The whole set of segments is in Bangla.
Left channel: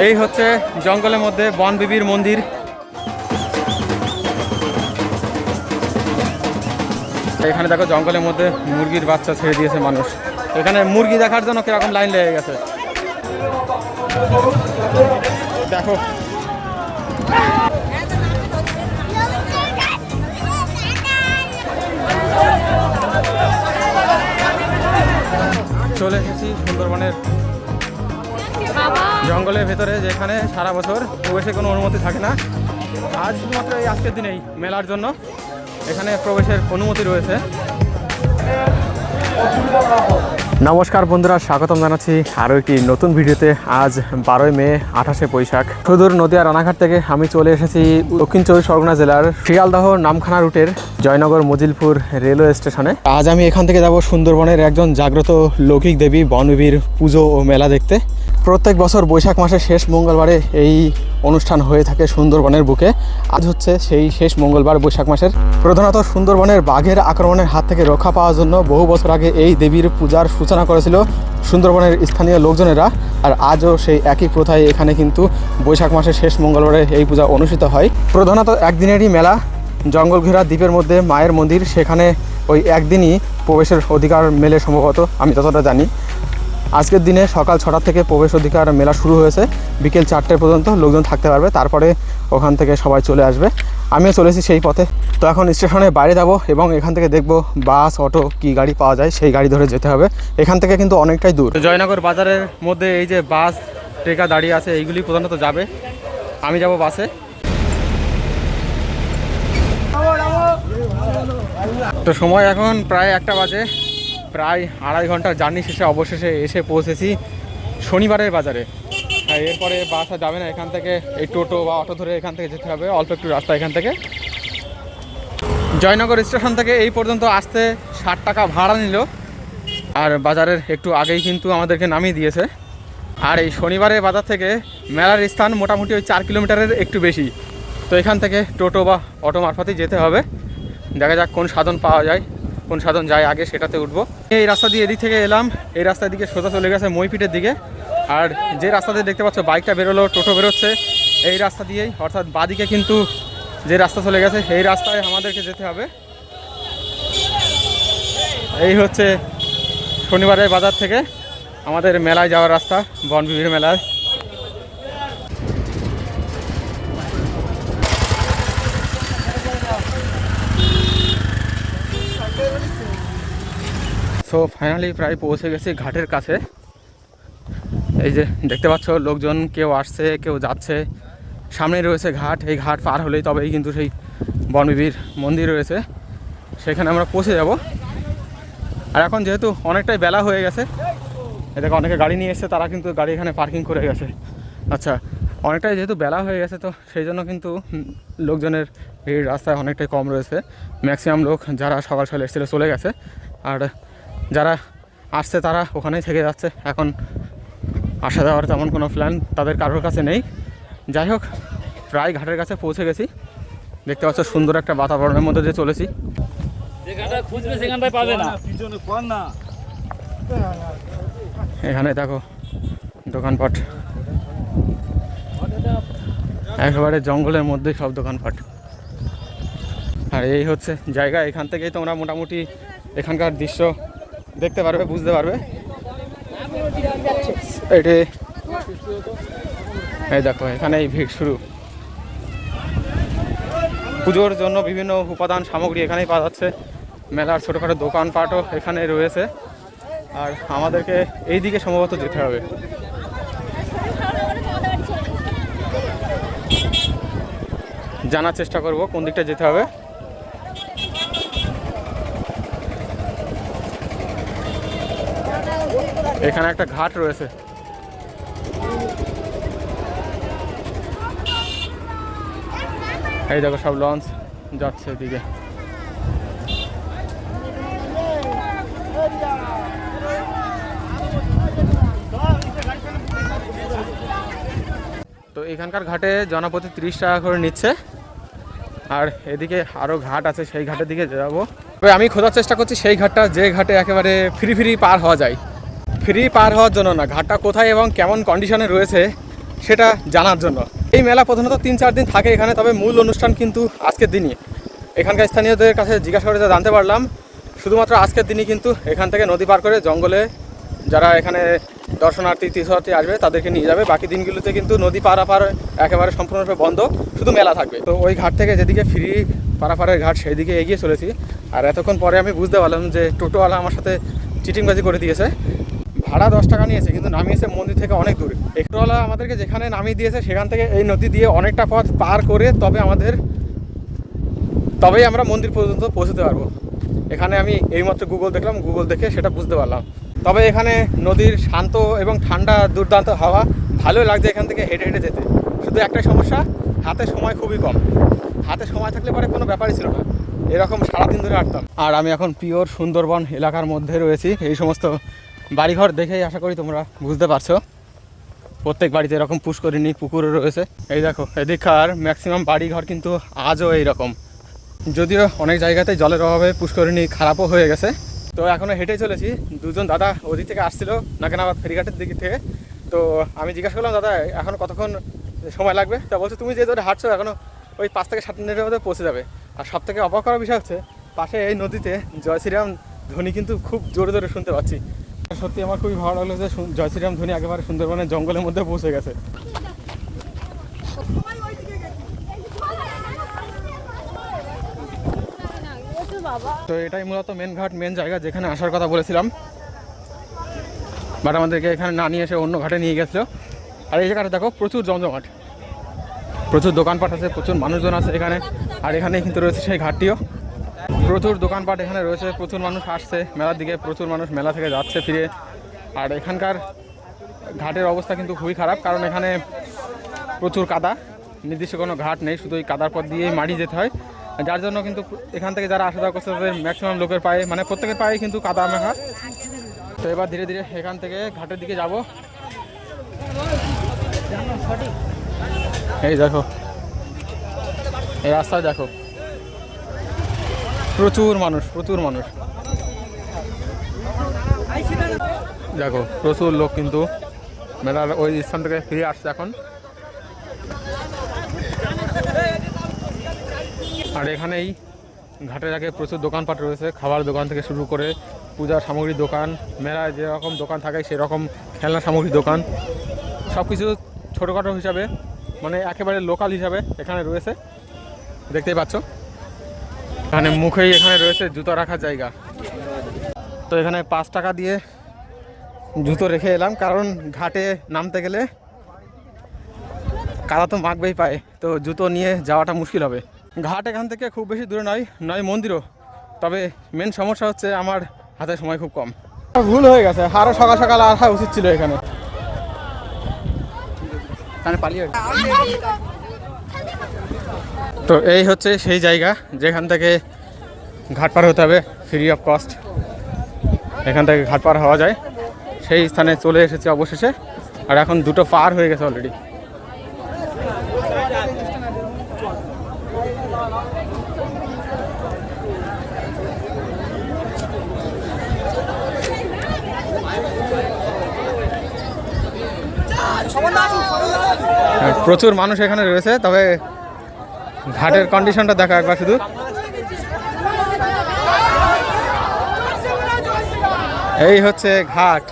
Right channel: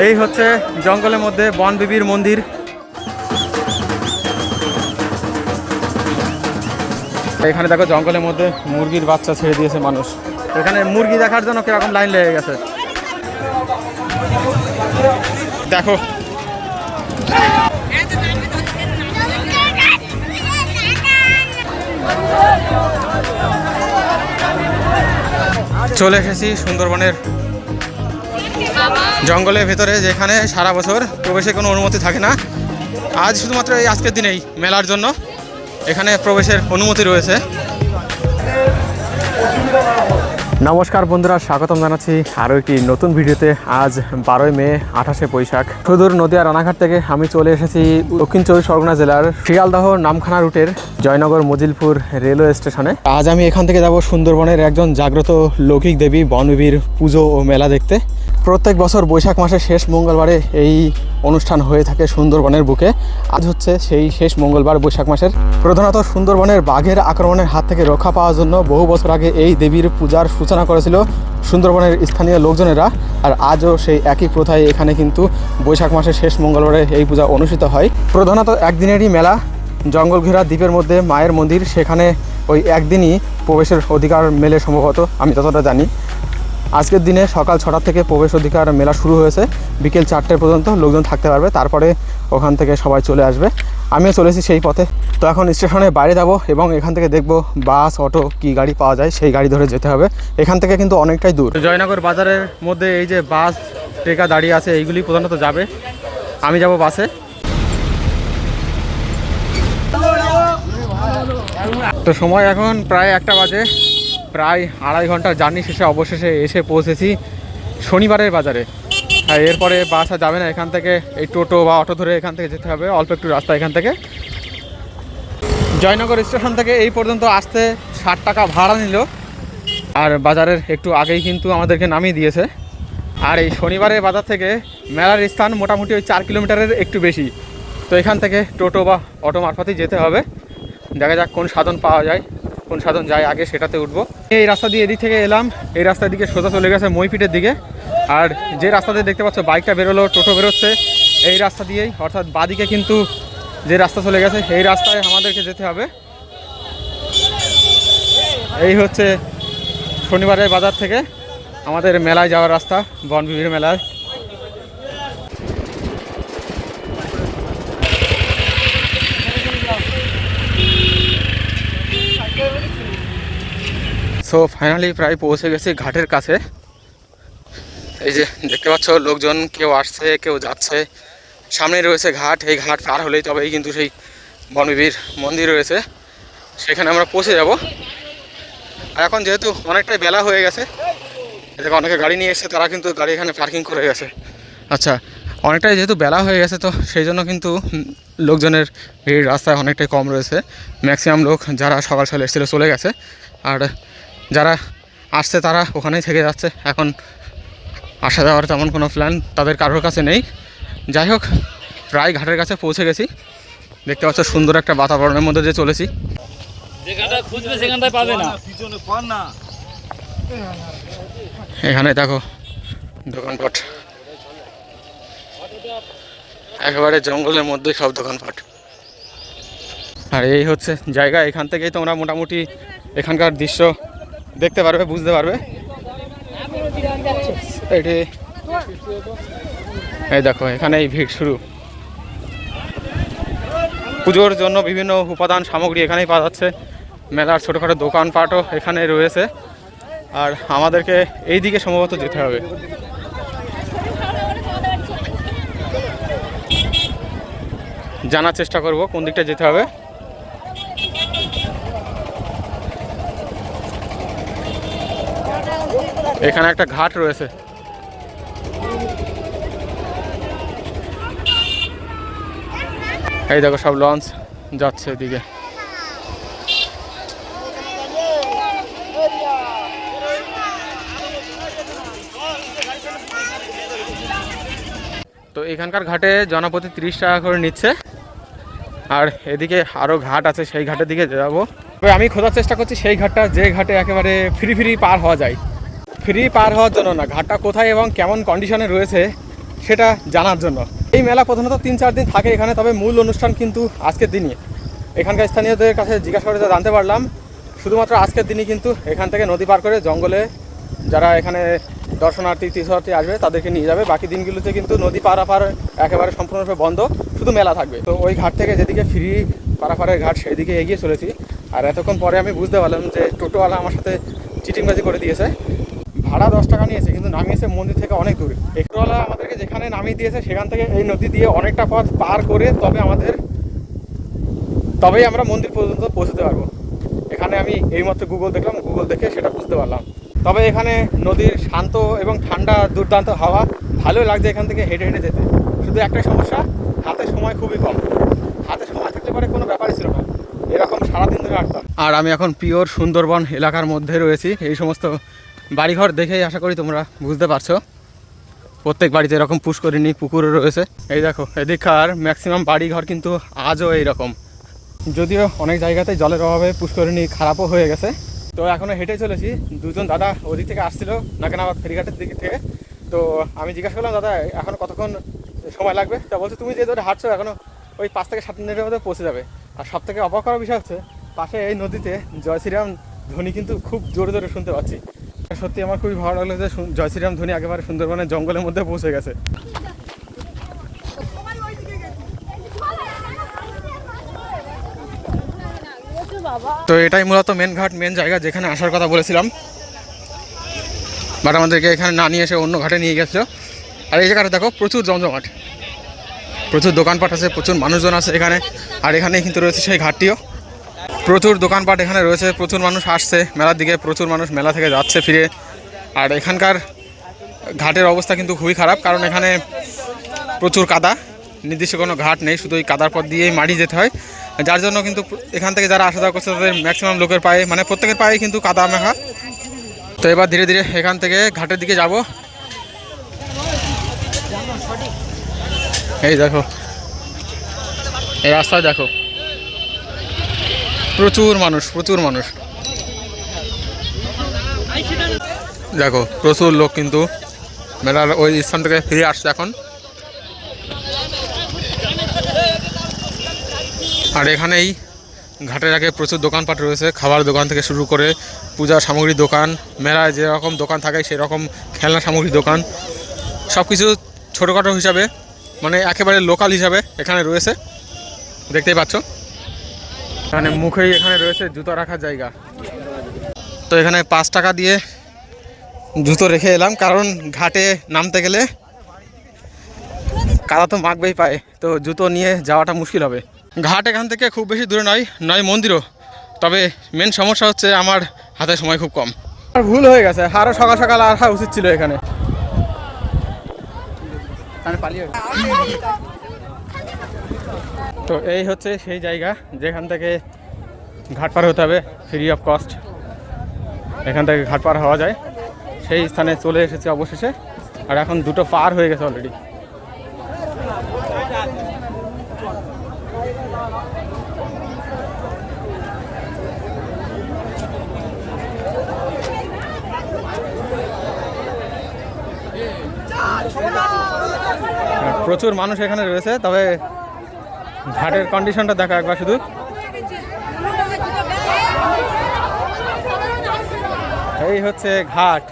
এই হচ্ছে জঙ্গলের মধ্যে বনবিবির মন্দির। এখানে দেখো জঙ্গলের মধ্যে মুরগির বাচ্চা ছেড়ে দিয়েছে মানুষ। এখানে মুরগি দেখার জন্য কিরকম লাইন লেগে গেছে দেখো। চলে এসেছি সুন্দরবনের জঙ্গলের ভেতরে, যেখানে সারা বছর প্রবেশের কোনো অনুমতি থাকে না। আজ শুধুমাত্র এই আজকের দিনেই মেলার জন্য এখানে প্রবেশের অনুমতি রয়েছে। নমস্কার বন্ধুরা, স্বাগতম জানাচ্ছি আরও একটি নতুন ভিডিওতে। আজ 12ই মে 28শে বৈশাখ। সুদূর নদিয়া রানাঘাট থেকে আমি চলে এসেছি দক্ষিণ চব্বিশ পরগনা জেলার শিয়ালদহ নামখানা রুটের জয়নগর মজিলপুর রেলওয়ে স্টেশনে। আজ আমি এখান থেকে যাব সুন্দরবনের একজন জাগ্রত লৌকিক দেবী বনবিবির পুজো ও মেলা দেখতে। প্রত্যেক বছর বৈশাখ মাসের শেষ মঙ্গলবারে এই অনুষ্ঠান হয়ে থাকে সুন্দরবনের বুকে। আজ হচ্ছে সেই শেষ মঙ্গলবার বৈশাখ মাসের। প্রধানত সুন্দরবনের বাঘের আক্রমণের হাত থেকে রক্ষা পাওয়ার জন্য বহু বছর আগে এই দেবীর পূজার সূচনা করেছিল সুন্দরবনের স্থানীয় লোকজনেরা। আর আজও সেই একই প্রথায় এখানে কিন্তু বৈশাখ মাসের শেষ মঙ্গলবারে এই পূজা অনুষ্ঠিত হয়। প্রধানত একদিনেরই মেলা। জঙ্গল ঘেরা দ্বীপের মধ্যে মায়ের মন্দির, সেখানে ওই একদিনই প্রবেশের অধিকার মেলে সম্ভবত, আমি যতটা জানি। আজকের দিনে সকাল 6টা থেকে প্রবেশ অধিকার মেলা শুরু হয়েছে। বিকেল 4টে পর্যন্ত লোকজন থাকতে পারবে, তারপরে ওখান থেকে সবাই চলে আসবে। আমিও চলেছি সেই পথে। তো এখন স্টেশনের বাইরে যাব এবং এখান থেকে দেখব বাস, অটো কি গাড়ি পাওয়া যায়, সেই গাড়ি ধরে যেতে হবে। এখান থেকে কিন্তু অনেকটাই দূর। জয়নগর বাজারের মধ্যে এই যে বাস ট্রেকা দাঁড়িয়ে আছে, এইগুলি প্রধানত যাবে। আমি যাব বাসে। তো সময় এখন প্রায় 1টা বাজে। প্রায় 2.5 ঘন্টার জার্নি শেষে অবশেষে এসে পৌঁছেছি শনিবারের বাজারে। আর এরপরে বাস আর যাবে না, এখান থেকে এই টোটো বা অটো ধরে এখান থেকে যেতে হবে। অল্প একটু রাস্তা এখান থেকে। জয়নগর স্টেশন থেকে এই পর্যন্ত আসতে 60 টাকা ভাড়া নিল। আর বাজারের একটু আগেই কিন্তু আমাদেরকে নামিয়ে দিয়েছে। আর এই শনিবারের বাজার থেকে মেলার স্থান মোটামুটি ওই 4 কিলোমিটারের একটু বেশি। তো এখান থেকে টোটো বা অটো মারফতেই যেতে হবে। দেখা যাক কোন সাধন পাওয়া যায়, কোন সাধন যায় আগে সেটাতে উঠবো। এই রাস্তা দিয়ে এদিক থেকে এলাম, এই রাস্তার দিকে সোজা চলে গেছে মইপিটের দিকে। আর যে রাস্তাতে দেখতে পাচ্ছ বাইকটা বেরোলো, টোটো বেরোচ্ছে, এই রাস্তা দিয়েই, অর্থাৎ বাদিকে কিন্তু যে রাস্তা চলে গেছে এই রাস্তায় আমাদেরকে যেতে হবে। এই হচ্ছে শনিবারের বাজার থেকে আমাদের মেলায় যাওয়ার রাস্তা, বনবিবির মেলায়। সো ফাইনালি প্রায় পৌঁছে গেছি ঘাটের কাছে। এই যে দেখতে পাচ্ছ লোকজন কেউ আসছে কেউ যাচ্ছে। সামনে রয়েছে ঘাট, এই ঘাট পার হলেই তবেই কিন্তু সেই বনবিবির মন্দির রয়েছে, সেখানে আমরা পৌঁছে যাব। আর এখন যেহেতু অনেকটাই বেলা হয়ে গেছে, এদিকে অনেকে গাড়ি নিয়ে এসেছে, তারা কিন্তু গাড়ি এখানে পার্কিং করে গেছে। আচ্ছা, অনেকটাই যেহেতু বেলা হয়ে গেছে তো সেই জন্য কিন্তু লোকজনের ভিড় রাস্তায় অনেকটাই কম রয়েছে। ম্যাক্সিমাম লোক যারা সকাল সকাল এসেছিলো চলে গেছে, আর যারা আসছে তারা ওখানেই থেকে যাচ্ছে। এখন আসা যাওয়ার তেমন কোনো প্ল্যান তাদের কারোর কাছে নেই। যাই হোক, প্রায় ঘাটের কাছে পৌঁছে গেছি। দেখতে পাচ্ছ সুন্দর একটা বাতাবরণের মধ্যে দিয়ে চলেছি। এখানে দেখো দোকানপাট, একেবারে জঙ্গলের মধ্যে সব দোকানপাট। আর এই হচ্ছে জায়গা, এখান থেকেই তোমরা মোটামুটি এখানকার দৃশ্য দেখতে পারবে, বুঝতে পারবে। এটি এই দেখো, এখানেই ভিড় শুরু। পুজোর জন্য বিভিন্ন উপাদান সামগ্রী এখানেই পাওয়া যাচ্ছে। মেলার ছোটোখাটো দোকানপাটও এখানে রয়েছে। আর আমাদেরকে এই দিকে সম্ভবত যেতে হবে। জানার চেষ্টা করব কোন দিকটা যেতে হবে। এখানে একটা ঘাট রয়েছে। এই দেখো সব লঞ্চ যাচ্ছে এদিকে। তো এখানকার ঘাটে জনপ্রতি 30 টাকা করে নিচ্ছে। আর এদিকে আরও ঘাট আছে, সেই ঘাটের দিকে যাবো। তবে আমি খোঁজার চেষ্টা করছি সেই ঘাটটা, যে ঘাটে একেবারে ফ্রি পার হওয়া যায়। ফ্রি পার হওয়ার জন্য না, ঘাটটা কোথায় এবং কেমন কন্ডিশনে রয়েছে সেটা জানার জন্য। এই মেলা প্রধানত 3-4 দিন থাকে এখানে, তবে মূল অনুষ্ঠান কিন্তু আজকের দিনই। এখানকার স্থানীয়দের কাছে জিজ্ঞাসা করে জানতে পারলাম শুধুমাত্র আজকের দিনই কিন্তু এখান থেকে নদী পার করে জঙ্গলে যারা এখানে দর্শনার্থী তীর্থযাত্রী আসবে তাদেরকে নিয়ে যাবে। বাকি দিনগুলোতে কিন্তু নদী পারাপার একেবারে সম্পূর্ণরূপে বন্ধ, শুধু মেলা থাকবে। তো ওই ঘাট থেকে যেদিকে ফ্রি পারাপারের ঘাট সেই দিকে এগিয়ে চলেছি। আর এতক্ষণ পরে আমি বুঝতে পারলাম যে টোটোওয়ালা আমার সাথে চিটিংবাজি করে দিয়েছে। ভাড়া 10 টাকা নিয়েছে, কিন্তু নামিয়েছে মন্দির থেকে অনেক দূরে। টোটোওয়ালা আমাদেরকে যেখানে নামিয়ে দিয়েছে সেখান থেকে এই নদী দিয়ে অনেকটা পথ পার করে তবেই আমরা মন্দির পর্যন্ত পৌঁছতে পারবো। এখানে আমি এইমাত্র গুগল দেখলাম, গুগল দেখে সেটা বুঝতে পারলাম। তবে এখানে নদীর শান্ত এবং ঠান্ডা দুর্দান্ত হাওয়া, ভালো লাগছে এখান থেকে হেঁটে হেঁটে যেতে। শুধু একটাই সমস্যা, হাতে সময় খুবই কম। হাতে সময় থাকলে পরে কোনো ব্যাপারই ছিল না, এরকম সারাদিন ধরে হাঁটতাম। আর আমি এখন পিওর সুন্দরবন এলাকার মধ্যে রয়েছি। এই সমস্ত বাড়িঘর দেখেই আশা করি তোমরা বুঝতে পারছো, প্রত্যেক বাড়িতে এরকম পুষ্করিণী পুকুরও রয়েছে। এই দেখো এদিককার ম্যাক্সিমাম বাড়িঘর কিন্তু আজও এইরকম, যদিও অনেক জায়গাতে জলের অভাবে পুষ্করিণী খারাপও হয়ে গেছে। তো এখনও হেঁটে চলেছি। দুজন দাদা ওদিক থেকে আসছিল নাকেনাবাদ ফেরিঘাটের দিক থেকে। তো আমি জিজ্ঞাসা করলাম, দাদা এখন কতক্ষণ সময় লাগবে? তা বলছে তুমি যে ধরে হাঁটছো এখনও ওই 5 থেকে 7 মিনিটের মধ্যে পৌঁছে যাবে। আর সব থেকে অবাক করার বিষয় হচ্ছে পাশে এই নদীতে জয় শ্রীরাম ধ্বনি কিন্তু খুব জোরে জোরে শুনতে পাচ্ছি। সত্যি আমার খুবই ভালো লাগলো যে জয় শ্রীরাম ধ্বনি একেবারে সুন্দরবনের জঙ্গলের মধ্যে পৌঁছে গেছে। তো এটাই মূলত মেন ঘাট, মেন জায়গা যেখানে আসার কথা বলেছিলাম, বাট আমাদেরকে এখানে না নিয়ে এসে অন্য ঘাটে নিয়ে গেছিলো। আর এই জায়গাটা দেখো প্রচুর জমজমাট, প্রচুর দোকানপাট আছে, প্রচুর মানুষজন আছে এখানে। আর এখানে কিন্তু রয়েছে সেই ঘাটটিও, প্রচুর দোকানপাট এখানে রয়েছে, প্রচুর মানুষ আসছে মেলার দিকে, প্রচুর মানুষ মেলা থেকে যাচ্ছে ফিরে। আর এখানকার ঘাটের অবস্থা কিন্তু খুবই খারাপ, কারণ এখানে প্রচুর কাদা, নির্দিষ্ট কোনো ঘাট নেই, শুধু ওই কাদার পথ দিয়েই মাটি যেতে হয়। যার জন্য কিন্তু এখান থেকে যারা আসা যাওয়া করছে তাদের ম্যাক্সিমাম লোকের পায়ে, মানে প্রত্যেকের পায়ে কিন্তু কাদা মেখা। তো এবার ধীরে ধীরে এখান থেকে ঘাটের দিকে যাব। এই দেখো এই রাস্তায় দেখো প্রচুর মানুষ, প্রচুর মানুষ দেখো, প্রচুর লোক কিন্তু মেলার ওই স্থান থেকে ফিরে আসছে এখন। আর এখানেই ঘাটের আগে প্রচুর দোকানপাট রয়েছে, খাবার দোকান থেকে শুরু করে পূজা সামগ্রী দোকান, মেলায় যেরকম দোকান থাকে সেরকম খেলনা সামগ্রী দোকান, সব কিছু ছোটোখাটো হিসাবে, মানে একেবারে লোকাল হিসাবে এখানে রয়েছে, দেখতেই পাচ্ছ। এখানে মুখেই এখানে রয়েছে জুতো রাখার জায়গা। তো এখানে 5 টাকা দিয়ে জুতো রেখে এলাম, কারণ ঘাটে নামতে গেলে কাদা তো মাখবেই পায়, তো জুতো নিয়ে যাওয়াটা মুশকিল হবে। ঘাট এখান থেকে খুব বেশি দূরে নয় মন্দিরও, তবে মেন সমস্যা হচ্ছে আমার হাতে সময় খুব কম। ভুল হয়ে গেছে, আরও সকাল সকাল আসা উচিত ছিল এখানে। তো এই হচ্ছে সেই জায়গা যেখান থেকে ঘাট পার হতে হবে ফ্রি অফ কস্ট, এখান থেকে ঘাট পার হওয়া যায়। সেই স্থানে চলে এসেছে অবশেষে, আর এখন 2টো পার হয়ে গেছে অলরেডি। প্রচুর মানুষ এখানে রয়েছে, তবে ঘাটের কন্ডিশনটা দেখো একবার শুধু। এই হচ্ছে ঘাট।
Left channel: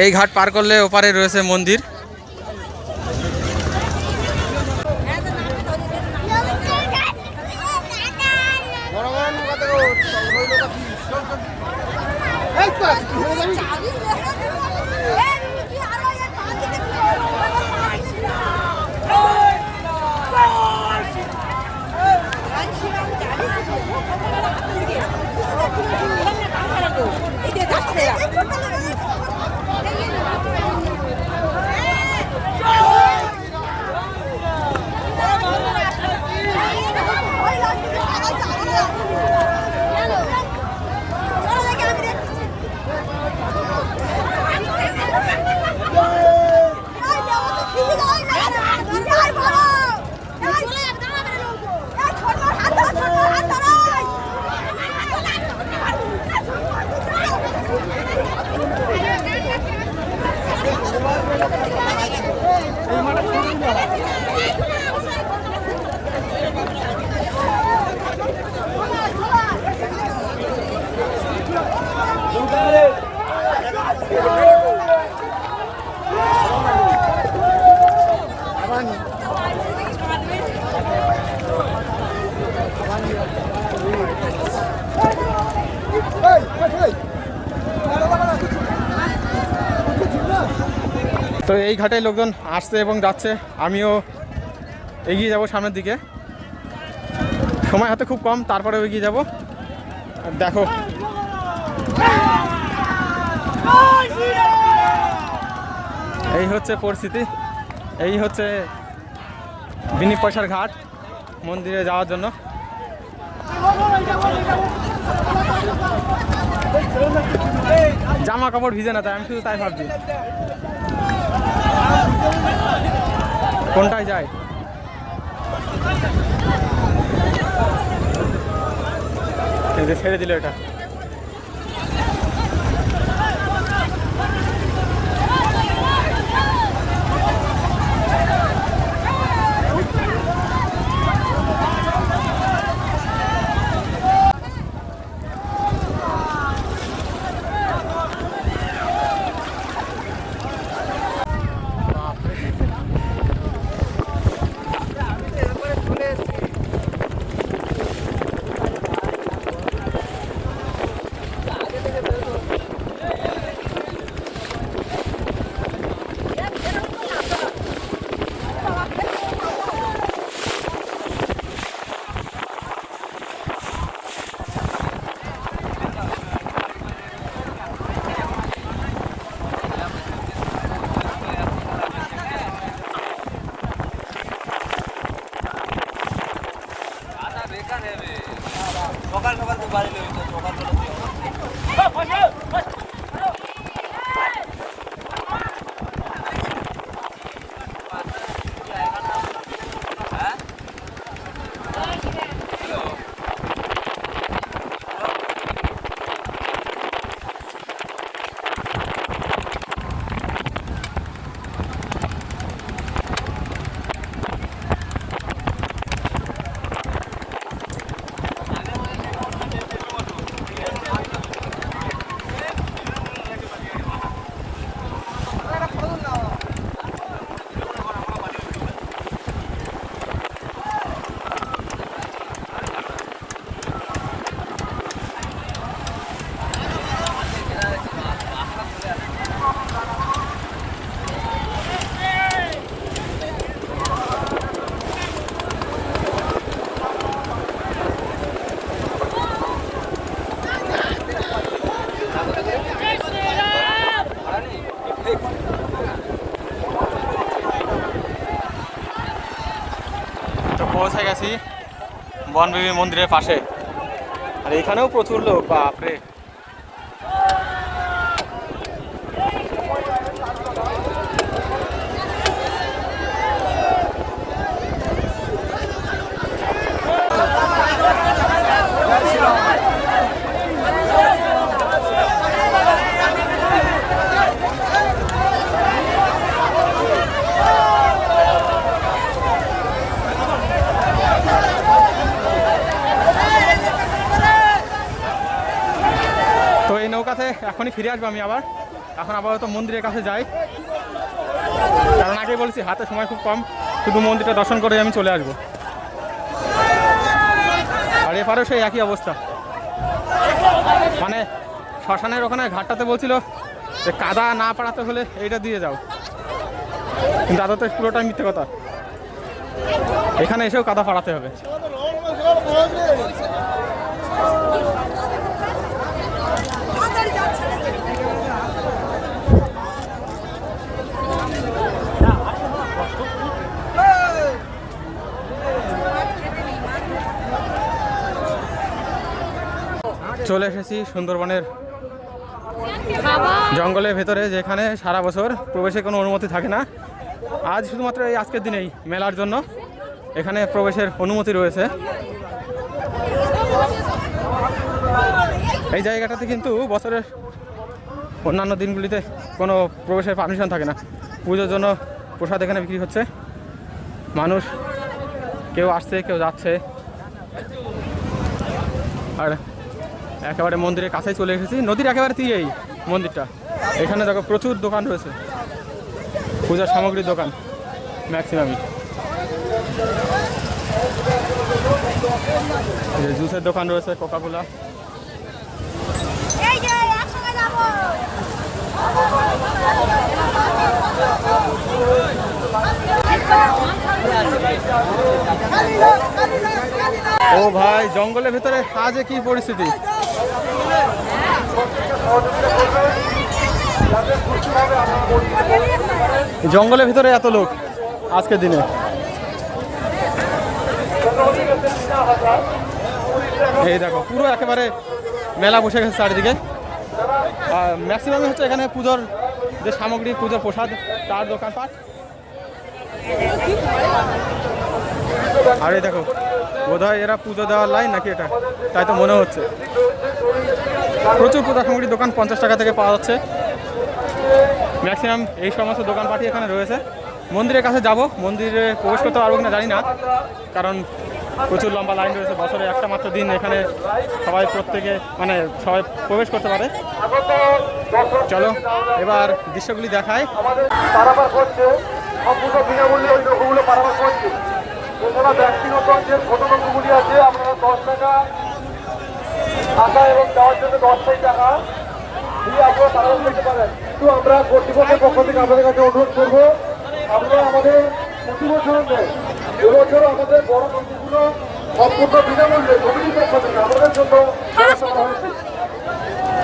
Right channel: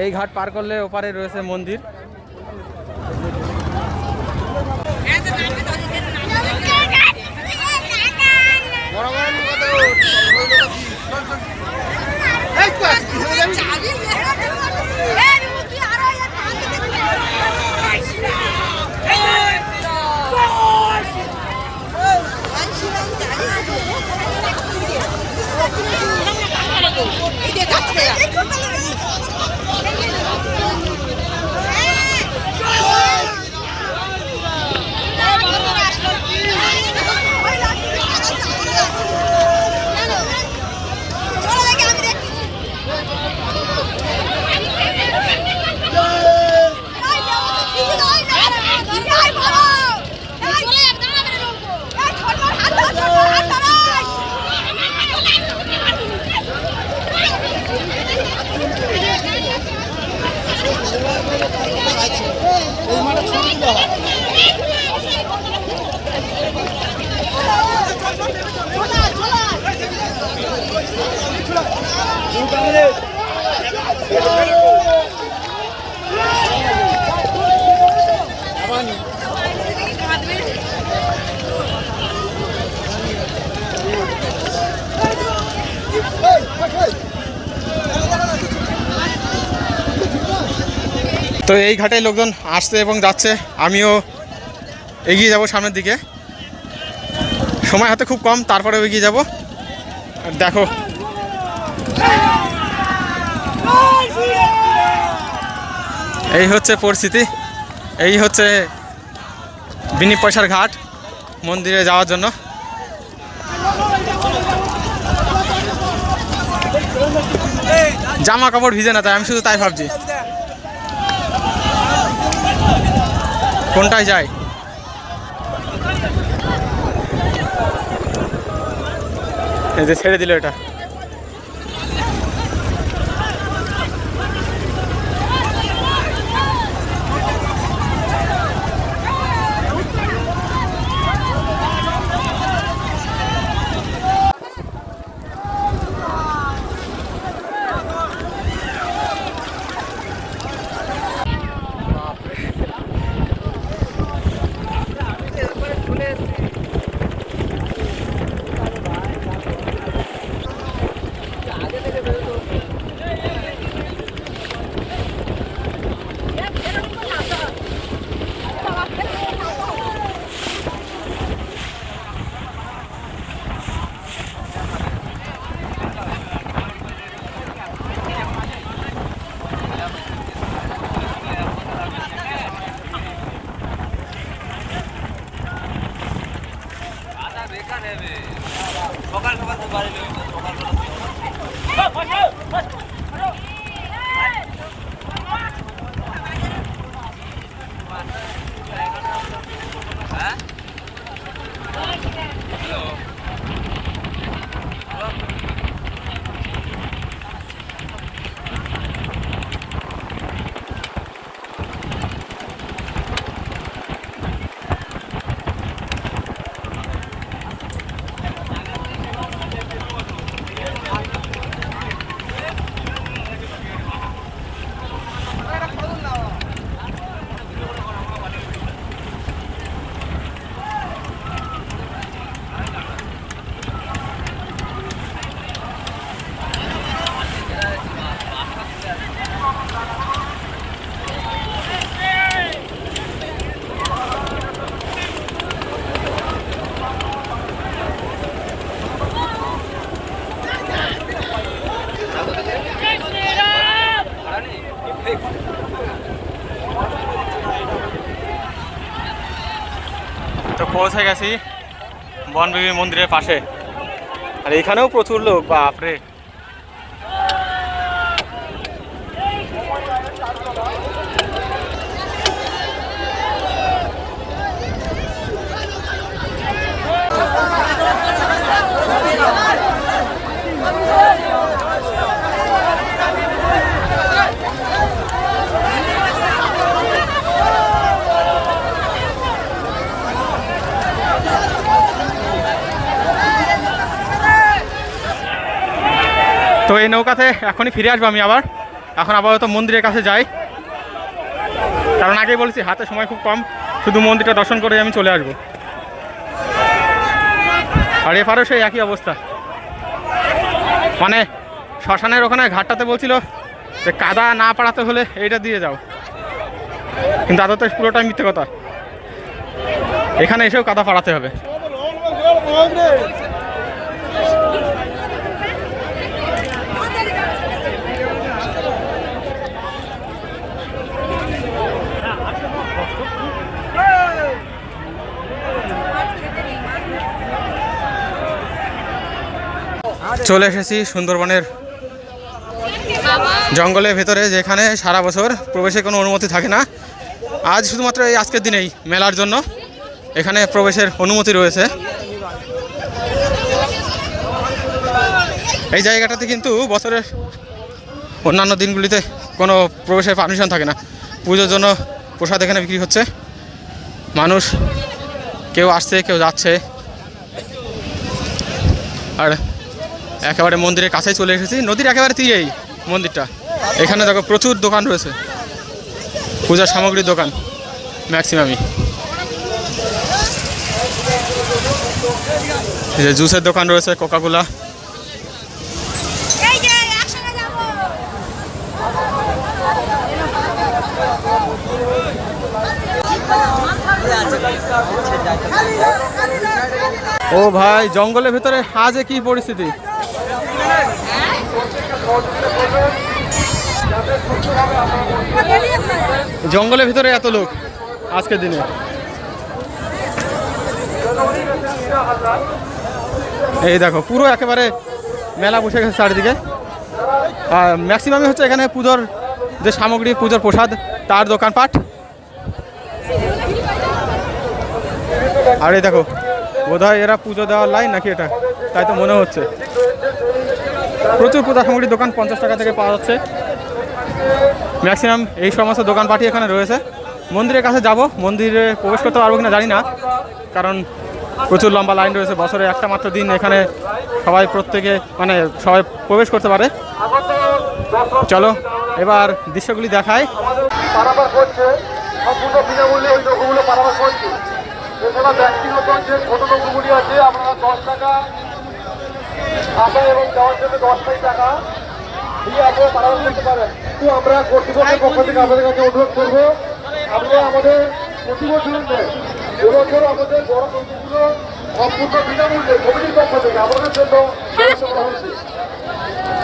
এই ঘাট পার করলে ওপারে রয়েছে মন্দির। তো এই ঘাটে লোকজন আসছে এবং যাচ্ছে, আমিও এগিয়ে যাব সামনের দিকে। সময় হাতে খুব কম, তারপরেও এগিয়ে যাব। আর দেখো এই হচ্ছে পরিস্থিতি, এই হচ্ছে বিনি পয়সার ঘাট মন্দিরে যাওয়ার জন্য। জামা কাপড় ভিজে না, তাই আমি শুধু তাই ভাবছি কোনটায় যায়। এই যে ছেড়ে দিল এটা। তো পৌঁছে গেছি বনবিবি মন্দিরের পাশে, আর এখানেও প্রচুর লোক, বাপরে। তো এই নৌকাতে এখনই ফিরে আসবো আমি আবার। এখন আপাতত মন্দিরের কাছে যাই, কারণ আগেই বলেছি হাতে সময় খুব কম, শুধু মন্দিরটা দর্শন করে আমি চলে আসবো। আর এপারেও সেই একই অবস্থা, মানে শ্মশানের ওখানে ঘাটটাতে বলছিল যে কাদা না পাড়াতে হলে এইটা দিয়ে যাও, কিন্তু আদতে পুরোটাই মিথ্যে কথা, এখানে এসেও কাদা পাড়াতে হবে। চলে এসেছি সুন্দরবনের জঙ্গলের ভেতরে, যেখানে সারা বছর প্রবেশের কোনো অনুমতি থাকে না, আজ শুধুমাত্র এই আজকের দিনেই মেলার জন্য এখানে প্রবেশের অনুমতি রয়েছে। এই জায়গাটাতে কিন্তু বছরের অন্যান্য দিনগুলিতে কোনো প্রবেশের পারমিশন থাকে না। পুজোর জন্য প্রসাদ এখানে বিক্রি হচ্ছে, মানুষ কেউ আসছে কেউ যাচ্ছে। আর একেবারে মন্দিরের কাছেই চলে এসেছি, নদীর একেবারে তীরেই মন্দিরটা। এখানে দেখো প্রচুর দোকান রয়েছে, পূজার সামগ্রীর দোকান ম্যাক্সিমামই। এই যে জুসের দোকান রয়েছে, কোকাকোলা। ও ভাই, জঙ্গলের ভিতরে আজ কি পরিস্থিতি! জঙ্গলের ভিতরে এত লোক আজকের দিনে। এই দেখো পুরো একেবারে মেলা বসে গেছে চারিদিকে। আর ম্যাক্সিমামই হচ্ছে এখানে পুজোর যে সামগ্রী, পুজোর প্রসাদ, তার দোকানপাট। আর এই দেখো বোধহয় এরা পুজো দেওয়ার লাইন নাকি এটা, তাই তো মনে হচ্ছে। প্রচুর পূজা সামগ্রীর দোকান 50 টাকা থেকে পাওয়া যাচ্ছে। ম্যাক্সিমাম এই সমস্ত দোকানপাটই এখানে রয়েছে। মন্দিরের কাছে যাব, মন্দিরে প্রবেশ করতে পারবো কিনা জানি না, কারণ প্রচুর লম্বা লাইন রয়েছে। বছরে একটা মাত্র দিন এখানে সবাই সবাই প্রবেশ করতে পারে। চলো এবার দৃশ্যগুলি দেখায়। পারাপার করছে সম্পূর্ণ বিনামূল্যে এই নৌকোগুলো পারাপার করছে। এছাড়া ব্যক্তিগত যে ছোট নৌকোগুলি আছে আপনারা 10 টাকা আসা এবং যাওয়ার জন্য 10 টাকা দিয়ে আপনারা পারাপার করতে পারেন। কিন্তু আমরা কর্তৃপক্ষের পক্ষ থেকে আপনাদের কাছে অনুরোধ করবো, আপনারা আমাদের প্রতি বছরের নেই, এবছর আমাদের বড় নৌকোগুলো সম্পূর্ণ বিনামূল্যে কমিটির পক্ষ থেকে আমাদের জন্য ব্যবস্থা করা হয়েছে।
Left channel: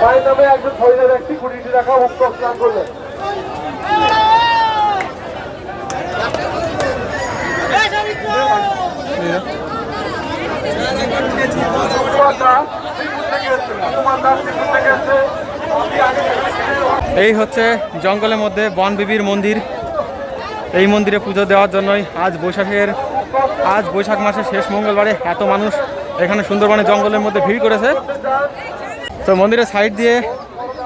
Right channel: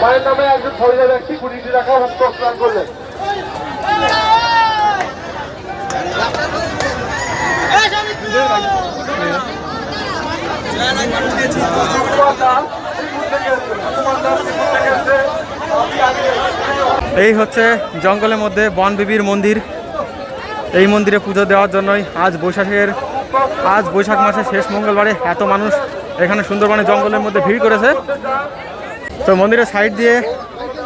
মায়ের নামে একজন শহীদ ব্যক্তি 20 টাকা মুক্ত স্নান করলেন। এই হচ্ছে জঙ্গলের মধ্যে বনবিবির মন্দির। এই মন্দিরে পুজো দেওয়ার জন্যই আজ বৈশাখ মাসের শেষ মঙ্গলবারে এত মানুষ এখানে সুন্দরবনে জঙ্গলের মধ্যে ভিড় করেছে। তো মন্দিরের সাইড দিয়ে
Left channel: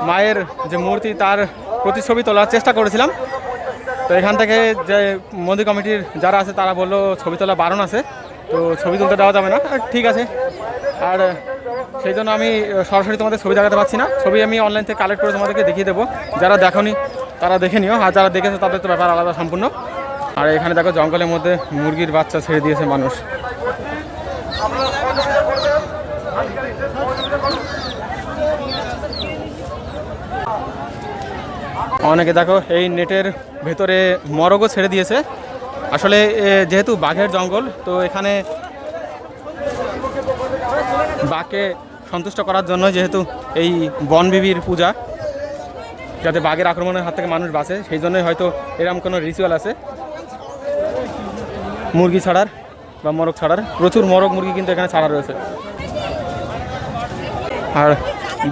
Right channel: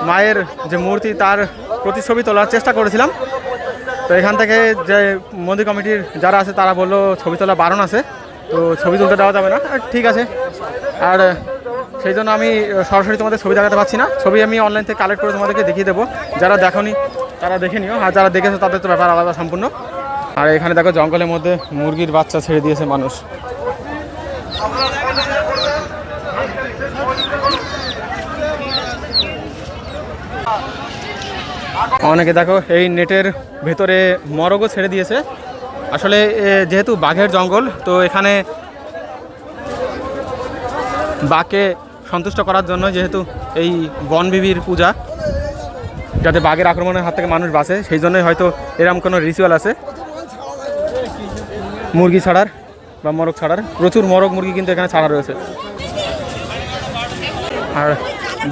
মায়ের যে মূর্তি, তার প্রতিচ্ছবি তোলার চেষ্টা করেছিলাম। তো এখান থেকে যে মন্দির কমিটির যারা আছে তারা বললো ছবি তোলা বারণ আছে, তো ছবি তুলতে দেওয়া যাবে না। ঠিক আছে, আর সেই জন্য আমি সরাসরি তোমাদের ছবি দেখাতে পারছি না। ছবি আমি অনলাইন থেকে কালেক্ট করে তোমাদেরকে দেখিয়ে দেবো। যারা দেখোনি তারা দেখে নিও, আর যারা দেখেছে তাদের তো ব্যাপার আলাদা সম্পূর্ণ। আর এখানে দেখো জঙ্গলের মধ্যে মুরগির বাচ্চা ছেড়ে দিয়েছে মানুষ। অনেকে দেখো এই নেটের ভেতরে মরগও ছেড়ে দিয়েছে। আসলে যেহেতু বাঘের জঙ্গল, তো এখানে বাঘকে সন্তুষ্ট করার জন্য যেহেতু এই বনবিবির পূজা, যাতে বাঘের আক্রমণের হাত থেকে মানুষ বাঁচে, সেই জন্যই হয়তো এরকম কোনো রিচুয়াল আছে মুরগি ছাড়ার বা মরগ ছাড়ার। প্রচুর মরগ মুরগি কিন্তু এখানে ছাড়া রয়েছে। আর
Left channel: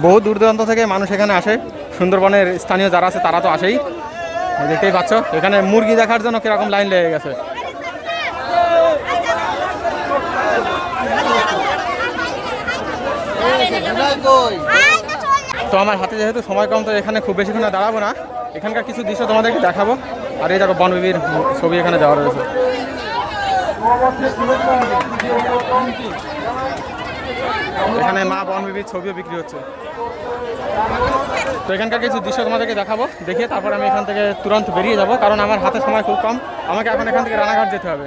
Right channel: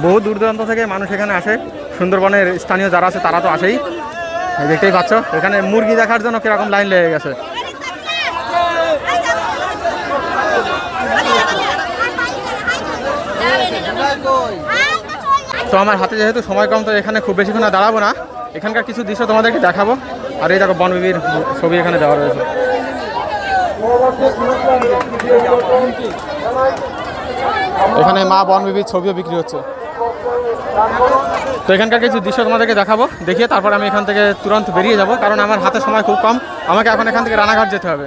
বহু দূর দূরান্ত থেকে মানুষ এখানে আসে, সুন্দরবনের স্থানীয় যারা আছে তারা তো আসেই। দেখতেই পাচ্ছ এখানে মুরগি দেখার জন্য কীরকম লাইন লেগে গেছে। তো আমার হাতে যেহেতু সময় কম, তো এখানে খুব বেশিক্ষণ দাঁড়াবো না, এখানকার কিছু দৃশ্য তোমাদেরকে দেখাবো। আর এই দেখো বনবিবির ছবি এখানে দেওয়া রয়েছে। এখানে মা বনবিবির ছবিও বিক্রি হচ্ছে। তো এখানকার কিছু দৃশ্য তোমাদেরকে দেখাবো, দেখিয়ে তারপর আমি এখান থেকে তুরন্ত বেরিয়ে যাব, কারণ আমার হাতে সময় খুব কম। আমাকে এখন এখান থেকে রানাঘাট যেতে হবে।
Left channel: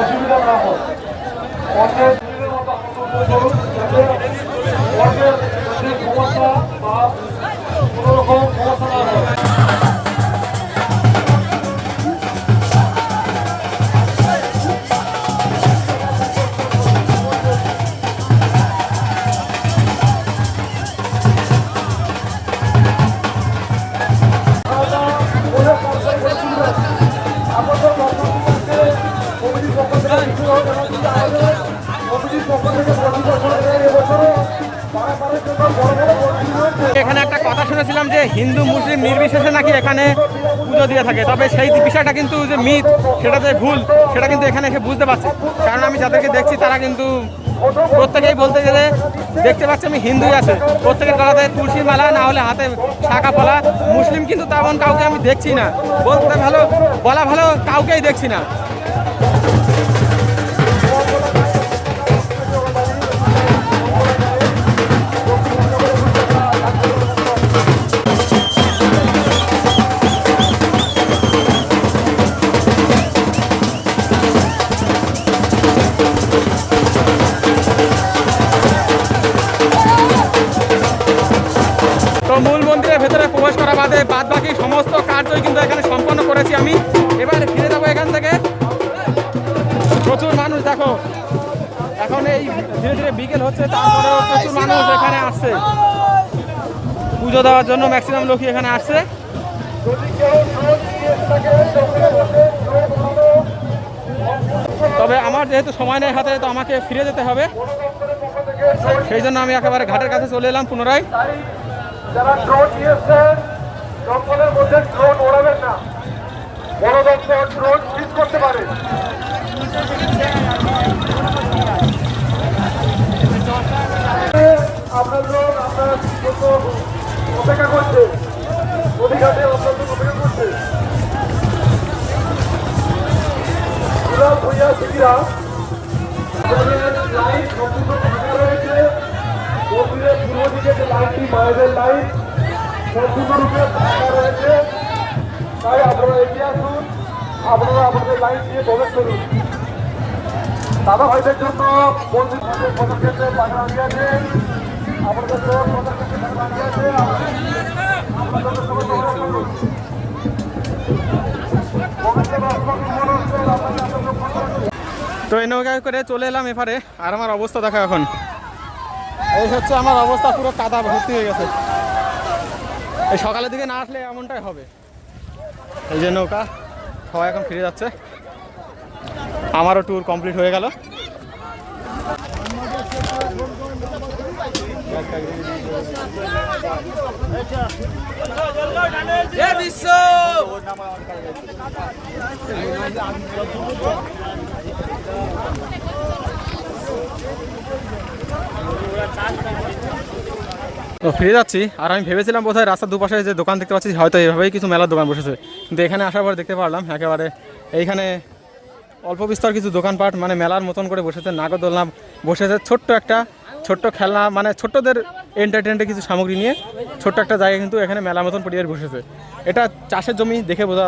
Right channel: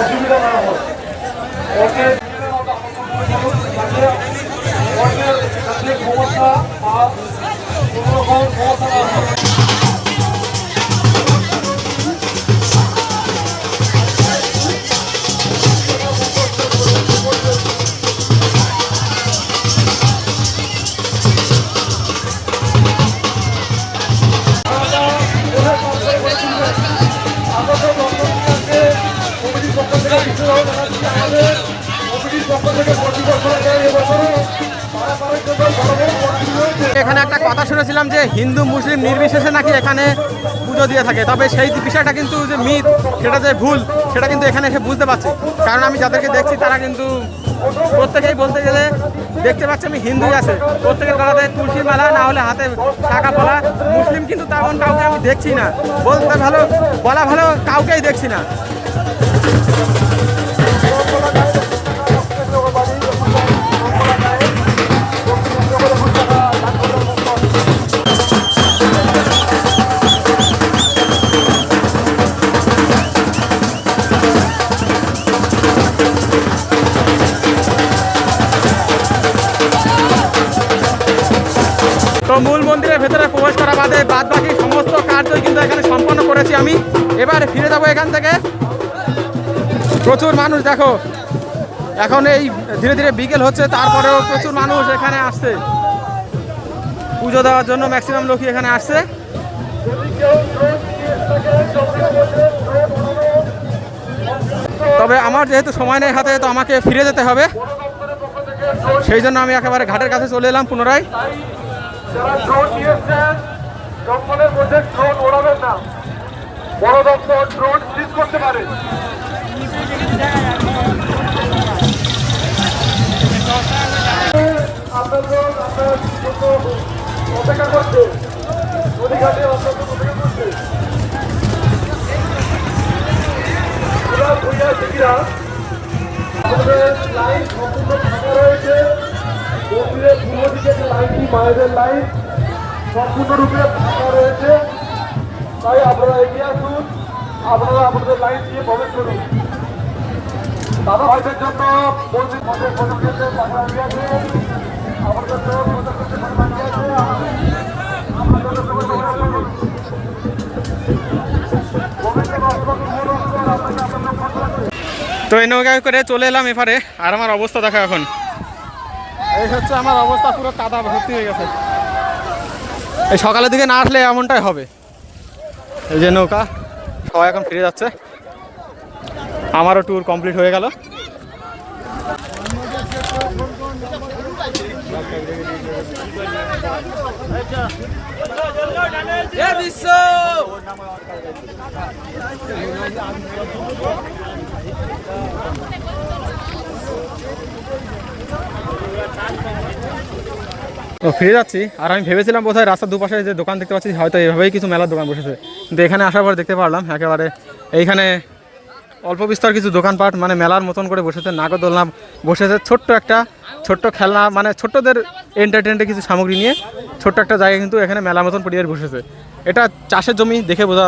অসুবিধা না হয়। অন্যের নিজের মতো করুন যাতে অন্যের যাতে সমস্যা বা কোনো রকম সমস্যা না হয়। এখানে একটা কথা শুনেছিলাম যে হিন্দু মুসলিম নির্বিশেষে নাকি এখানে পুজো দিয়ে থাকে, তবে সেই বিষয়টা কিন্তু যে মিথ, সেটা যে ভুল, সেটা কিন্তু এখানে এসে বুঝতে পারছি। কারণ আমি যাদেরকে দেখছি তারা কিন্তু প্রত্যেকেই বলতে গেলে দেখতে পাচ্ছি আমি হিন্দুই আছে, প্রত্যেকের গলাতে তুলসী মালা, না হলে হাতে শাখা পলা। মুসলিম কিন্তু তেমন কাউকে আমি দেখছি না, বলা ভালো কাউকেই দেখছি না। তো মূল মন্দিরের ভেতরে প্রবেশ করা বাদে বাদ বাকি সমস্ত কার্যই কিন্তু এখানে সম্পন্ন করেছি আমি। এবার ফিরে যাবো এখান থেকে। প্রচুর মানুষ দেখো, এখন এই ধীরে ধীরে বিকেল হচ্ছে, তারপরেও প্রচুর মানুষ এখানে আসছে পুজো দেওয়ার জন্য। ম্যাক্সিমাম লোকই এখানে আসছে। তবে আমার যেহেতু সময় নেই হাতে, তো আমাকে ফিরে যেতে হবে, সেই জন্য আমি একেবারে ঘাটের কাছে চলে এলাম পুনরায়। যারা ড্রোন নিয়েছেন জঙ্গলের মধ্যে ড্রোন ওড়াবেন না, বড় দপ্তর ড্রোন সিজ করতে পারে। আপনার অপেক্ষা করছে, নদীঘাটে অপেক্ষা করছে। ভূঁইয়া শিখিরা লাইন সম্পূর্ণ ফাঁকা রয়েছে। মন্দিরের পূর্ব দিকে যে লাইনটি মায়েদের লাইন সম্পূর্ণরূপে ফাঁকা রয়েছে, তাই আপনারা এগিয়ে আসুন, আপনারা আপনাদের লাইন দিয়ে প্রবেশ করুন। দাদা ভাইদের জন্য মন্দির পদক্ষেপে পাশে দাঁড়িয়ে আছে, আপনাদের পদক্ষেপে পাশে দাঁড়িয়ে আছে, আপনাদের প্রবেশ করুন। তো এই নৌকায় করে চলে এলাম এপারে, আর আমার অবস্থা দেখা এখন এই হচ্ছে। আমার অবস্থা পুরো কাদা ভর্তি হয়ে গেছে। এই সকালের দিকে না আসলে এমনটাই হবে। এই যে নৌকা, সবাই এখন ফিরে যাচ্ছে। আমারও ট্যুর কমপ্লিট হয়ে গেল। তো ফিরে যাচ্ছি। আর আমি ভেবেছিলাম বোধহয় রাস্তার দুপাশে যে দোকান দেখতে পাচ্ছি হয়তো এভাবেই কিছু মেলার দোকান বসেছে, কিন্তু এখানে আসার পর দেখতে পারলাম একেবারে এইখানে অল্প বিস্তর কিছু দোকানপাট, মানে মেলার মতন করে বসেছে। নাগরদোলনা বসেছে, ছোট্ট খেলনা, মানে ছোট্টদের এন্টারটেনমেন্টের কিছু সামগ্রী নিয়ে ছোট্ট একটা জায়গা কিন্তু এখানে মেলার মতন পরিবেশ বসেছে। এটা চাষের জমি দেখে বোঝা